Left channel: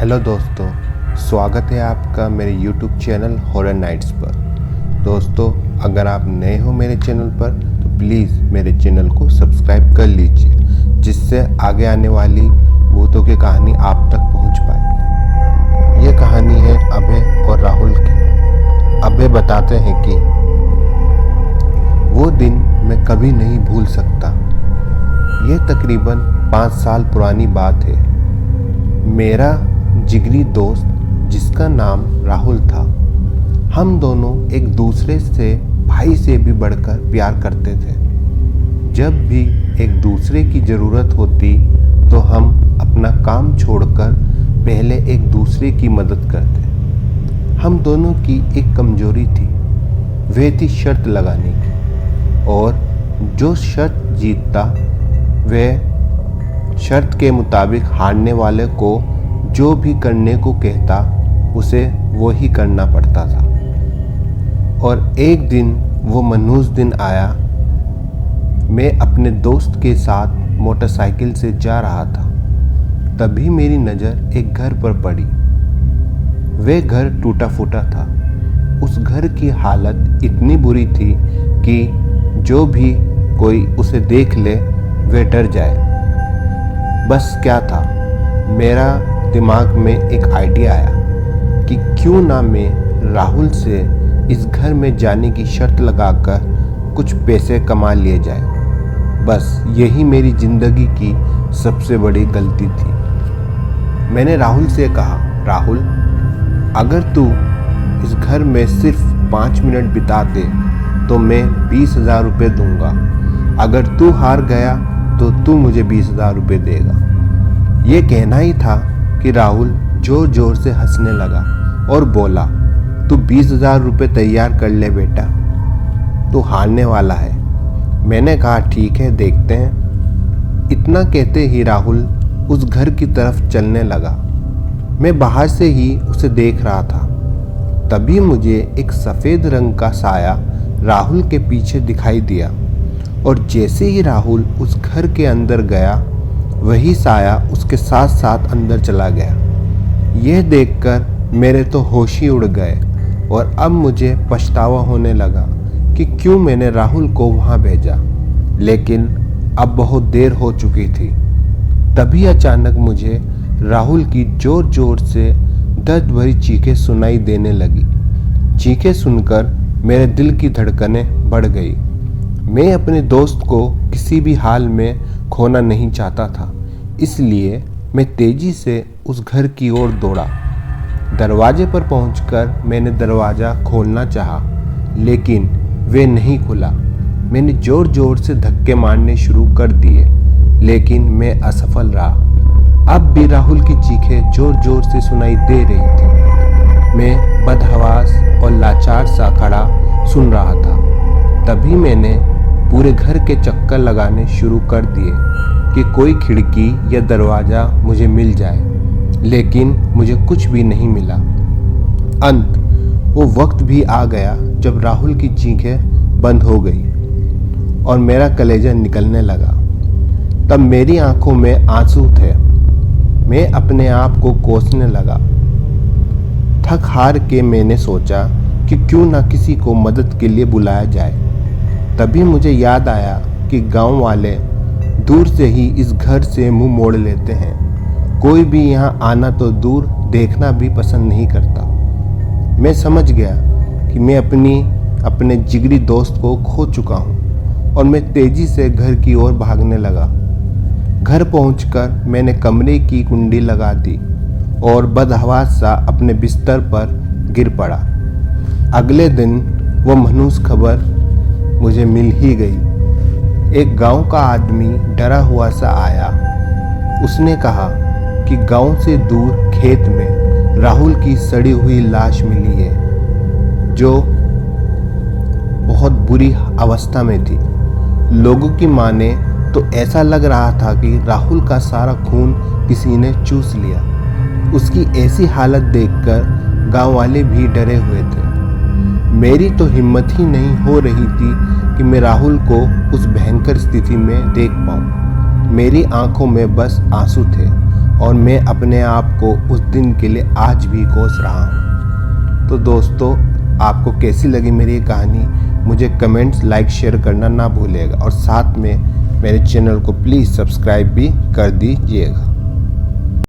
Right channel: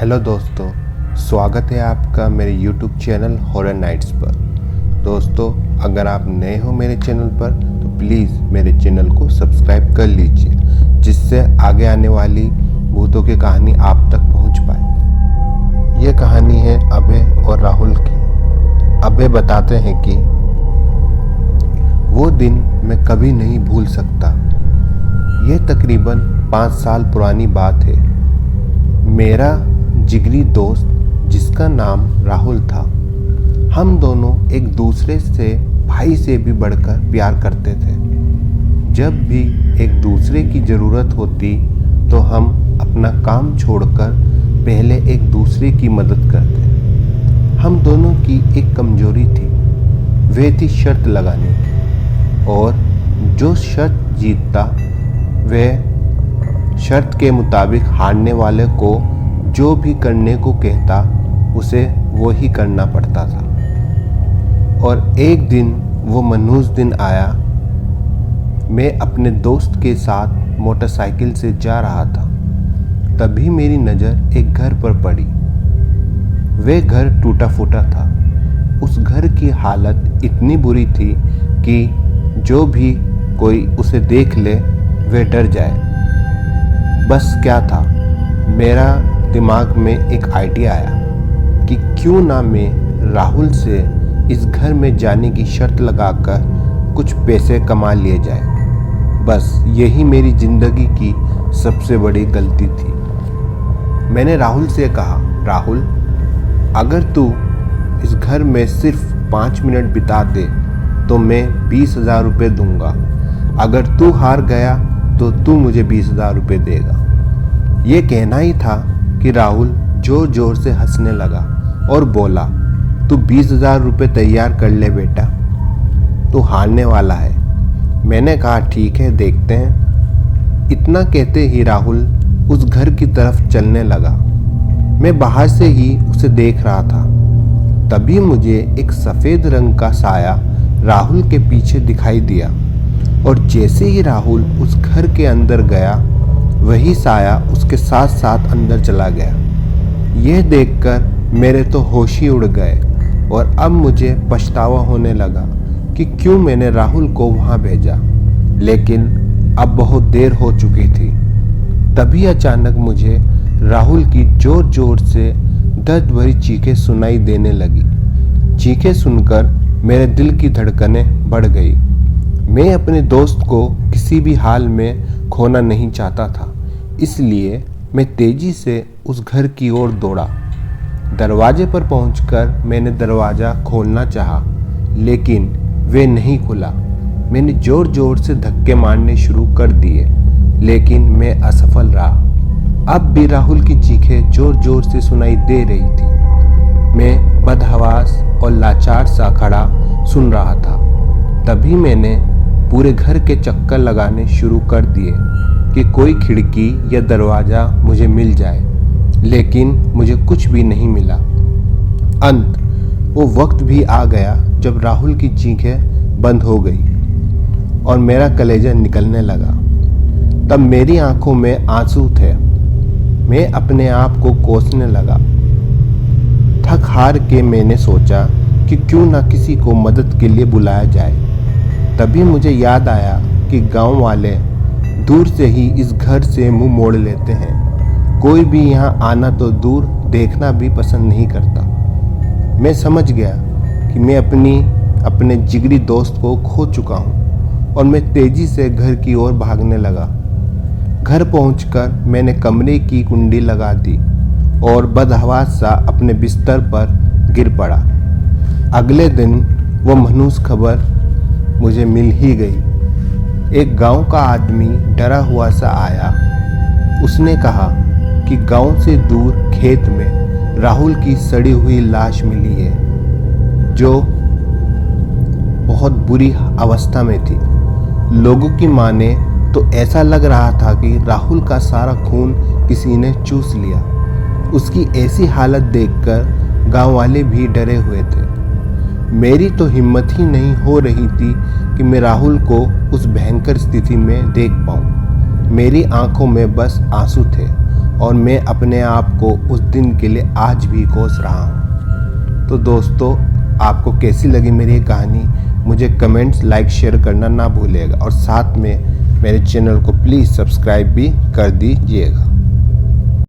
Hello दोस्तों, स्वागत है आपका मेरे YouTube चैनल हॉरर नाइट्स पर। दोस्तों, अगर आप नए हो मेरे चैनल पर तो प्लीज़ मेरे चैनल को सब्सक्राइब कर लीजिए, जिससे आगे आने वाली भूतों की कहानी आप तक पहुंच पाए। ये कहानी है अभय और राहुल की। अभय बताते हैं कि वो दिन मैं कभी नहीं भूल सकता। ये तकरीबन 5 साल पुरानी बात है। मेरा जिगरी दोस्त, जिसका नाम राहुल था, हम दोनों एक दूसरे से भाई से भी बढ़कर प्यार करते थे। जब भी एक दूसरे की ज़रूरत होती तो हम अपना काम छोड़कर पहले एक दूसरे की मदद करते। हम दोनों की एक कमजोरी थी, वह थी शर्त लगाने की, और जो शर्त जीतता वह शर्त के मुताबिक हारने वाले को जो भी करने को कहता उसे वो ही करना पड़ता था। और एक दिन वो मनहूस दिन आया। मैं अपने दोस्त के साथ मोटरसाइकिल से जा रहा था। तभी मेरी नज़र एक घर पर पड़ी। वह घर टूटा फूटा था। उस घर की हालत इतनी बुरी थी कि जो भी कोई उसे देख ले वह डर जाए। बस क्या था, मेरा दिमाग में एक आइडिया आया कि क्यों ना मैं राहुल से इस घर में जाने की शर्त लगाकर कुछ पैसे कमा लिए जाए। बस यही मेरी ज़िंदगी की सबसे बड़ी गलती थी। मैंने राहुल से कहा, राहुल, अगर तू इस घर में सिर्फ 5 मिनट बिता दे तो मैं 20,000 रुपये दूंगा। अगर तू हार गया तो तू मुझे 20,000 रुपये देगा। ये कहना ही था कि राहुल जोर जोर से हंसने लगा और बोला, तू 20,000 रुपये तैयार कर ले बेटा, तू हारने वाला है। मैंने कहा, ठीक है, देखते हैं। इतना कहते ही राहुल उस घर की तरफ चलने लगा। मैं बाहर से ही उसे देख रहा था। तभी मुझे एक सफ़ेद रंग का साया राहुल के पीछे दिखाई दिया, और जैसे ही राहुल उस घर के अंदर गया, वही साया उसके साथ साथ अंदर चला गया। यह देखकर मेरे तो होश ही उड़ गए, और अब मुझे पछतावा होने लगा कि क्यों मैंने राहुल को वहाँ भेजा। लेकिन अब बहुत देर हो चुकी थी। तभी अचानक मुझे राहुल की ज़ोर ज़ोर से दर्द भरी चीखें सुनाई देने लगी। चीखें सुनकर मेरे दिल की धड़कनें बढ़ गई। मैं अपने दोस्त को किसी भी हाल में खोना नहीं चाहता था, इसलिए मैं तेजी से उस घर की ओर दौड़ा। दरवाजे पर पहुंचकर मैंने दरवाज़ा खोलना चाहा, लेकिन वह नहीं खुला। मैंने ज़ोर ज़ोर से धक्के मारने शुरू कर दिए, लेकिन मैं असफल रहा। अब भी राहुल की चीखें ज़ोर ज़ोर से सुनाई दे रही थी। मैं बदहवास और लाचार सा खड़ा सुन रहा था। तभी मैंने पूरे घर के चक्कर लगाने शुरू कर दिए कि कोई खिड़की या दरवाज़ा मुझे मिल जाए, लेकिन मुझे कुछ भी नहीं मिला। वो वक्त भी आ गया जब राहुल की चीखें बंद हो गई और मेरा कलेजा निकलने लगा। तब मेरी आंखों में आंसू थे। मैं अपने आप को कोसने लगा। थक हार के मैंने सोचा कि क्यों ना किसी को मदद के लिए बुलाया जाए। तभी मुझे याद आया कि गांव वाले दूर से ही इस घर से मुंह मोड़ लेते हैं। कोई भी यहाँ आना तो दूर, देखना भी पसंद नहीं करता। मैं समझ गया कि मैं अपने जिगरी दोस्त को खो चुका हूँ, और मैं तेजी से घर की ओर भागने लगा। घर पहुंचकर मैंने कमरे की कुंडी लगा दी और बदहवास सा अपने बिस्तर पर गिर पड़ा। अगले दिन वो मनहूस खबर मुझे मिल ही गई। एक गांव का आदमी डरा हुआ सा आया। उसने कहा कि गांव से दूर खेत में राहुल की सड़ी हुई लाश मिली है, जो बहुत बुरी अवस्था में थी। लोगों की माने तो ऐसा लग रहा था कि राहुल का सारा खून किसी ने चूस लिया। उसकी ऐसी हालत देखकर गांव वाले भी डरे हुए थे। मेरी तो हिम्मत ही नहीं हो रही थी कि मैं राहुल को उस भयंकर स्थिति में देख पाऊं। मेरी आंखों में बस आंसू थे और मैं अपने आप को उस दिन के लिए आज भी कोस रहा हूँ। तो दोस्तों, आपको कैसी लगी मेरी ये कहानी मुझे कमेंट्स, लाइक, शेयर करना ना भूलिएगा और साथ में मेरे चैनल को प्लीज़ सब्सक्राइब भी कर दीजिएगा।